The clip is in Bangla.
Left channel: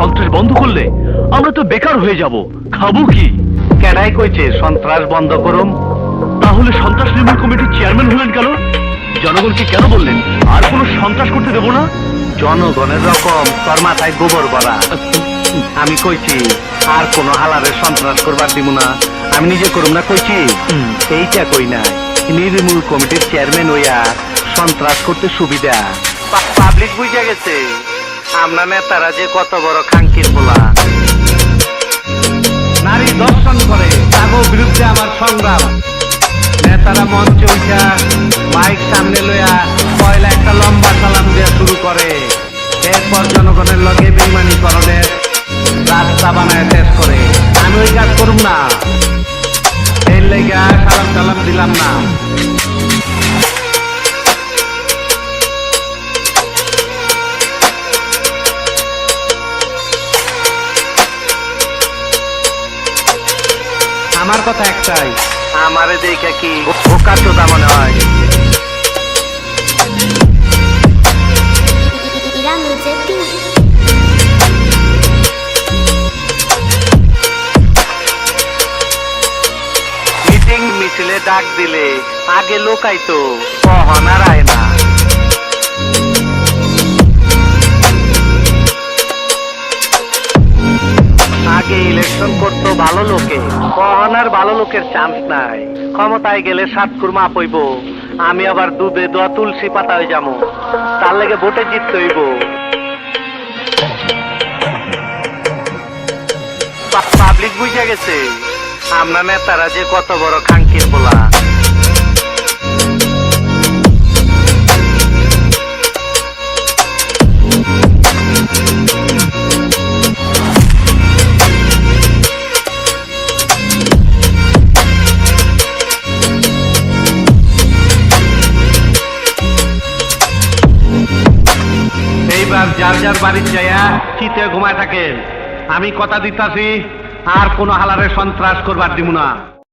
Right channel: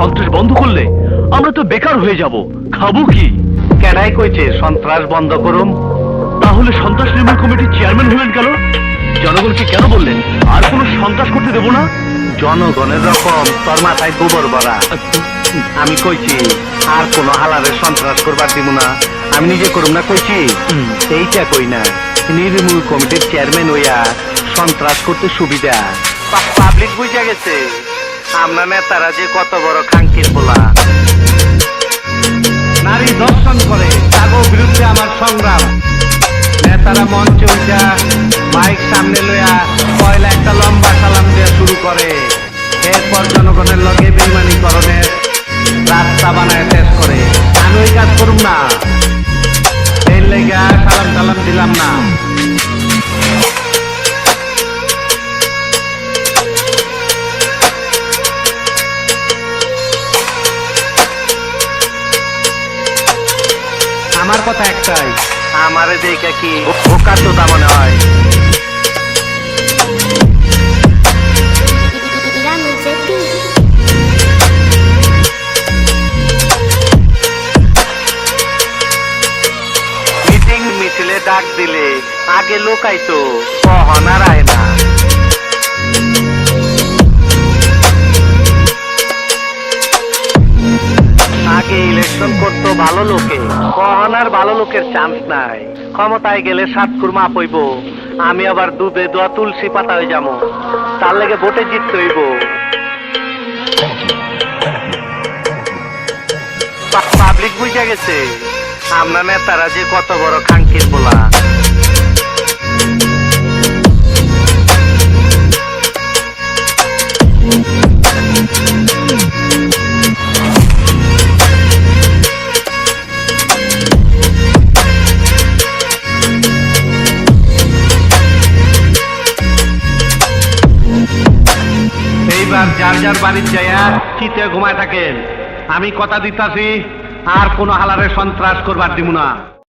সন্ত্রাস বন্ধ করলে আমরা তো বেকার হয়ে যাব। খাব কি? কেডাই কইছে সন্ত্রাস বন্ধ করুম। তাহলে সন্ত্রাস নির্মূল কমিটির চেয়ারম্যান হলেন কেন? জনগণকে কেন বললেন? আর কোনো সন্ত্রাস করতে দেবো না? জনগণের রকম তোর মাথায় গোবর ভরা আমি কইছি আর কোন হালারে সন্ত্রাস করবার দিব না। আমি নিজে করুম না কইছি? এইটা কই নাই? নির্মূল কমিটির চেয়ারম্যান হইয়া সন্ত্রাস করতে সুবিধা। পাবলিক বুঝা গেছে। আমরা নেতারা যে কত বড় খাঙ্কির বলা নারী দর্শন করে তাগো বিরুদ্ধে আমার সংগ্রাম। নেতারা মঞ্চে উঠা, মাইক সামনে লইয়া পয়লা একটা লম্বা সালাম দেওয়া শুরু করে। এরপর জনগণের লগে বেইমানিকরণের রাস্তা বানায় শেষ করে। আমি ওই কাজ করুম না। এর লেগা সালাম টালাম দিলাম না। আমার কথা একটাই। আমারে দেখে কি বোকার তো দামনে হয়? মিটিং মিছিলে ডাক দিলে আগে লোকাইতো কহনার আয় না। আগে ইলেকশন করতো ভালো লোকে। কখন আর ভালো লোকের চান্স নাই। ক্ষমতায় গেলে সাত কুরমা পইব। আমি আবার দুধে দোয়া তুলসী পাতা হয়ে যাব। তার লেগে ভোটে জিততে হইব। পাবলিক বুঝে গেছে। আমরা নেতারা যে কত বড় খাঙ্কির বলা এইবার যার যার বাড়ির যাইয়া চিতে ঘুমায় থাকেন। আমি কথা দিতাছি, আর কোনো হালারে সন্ত্রাস করবার দিব না।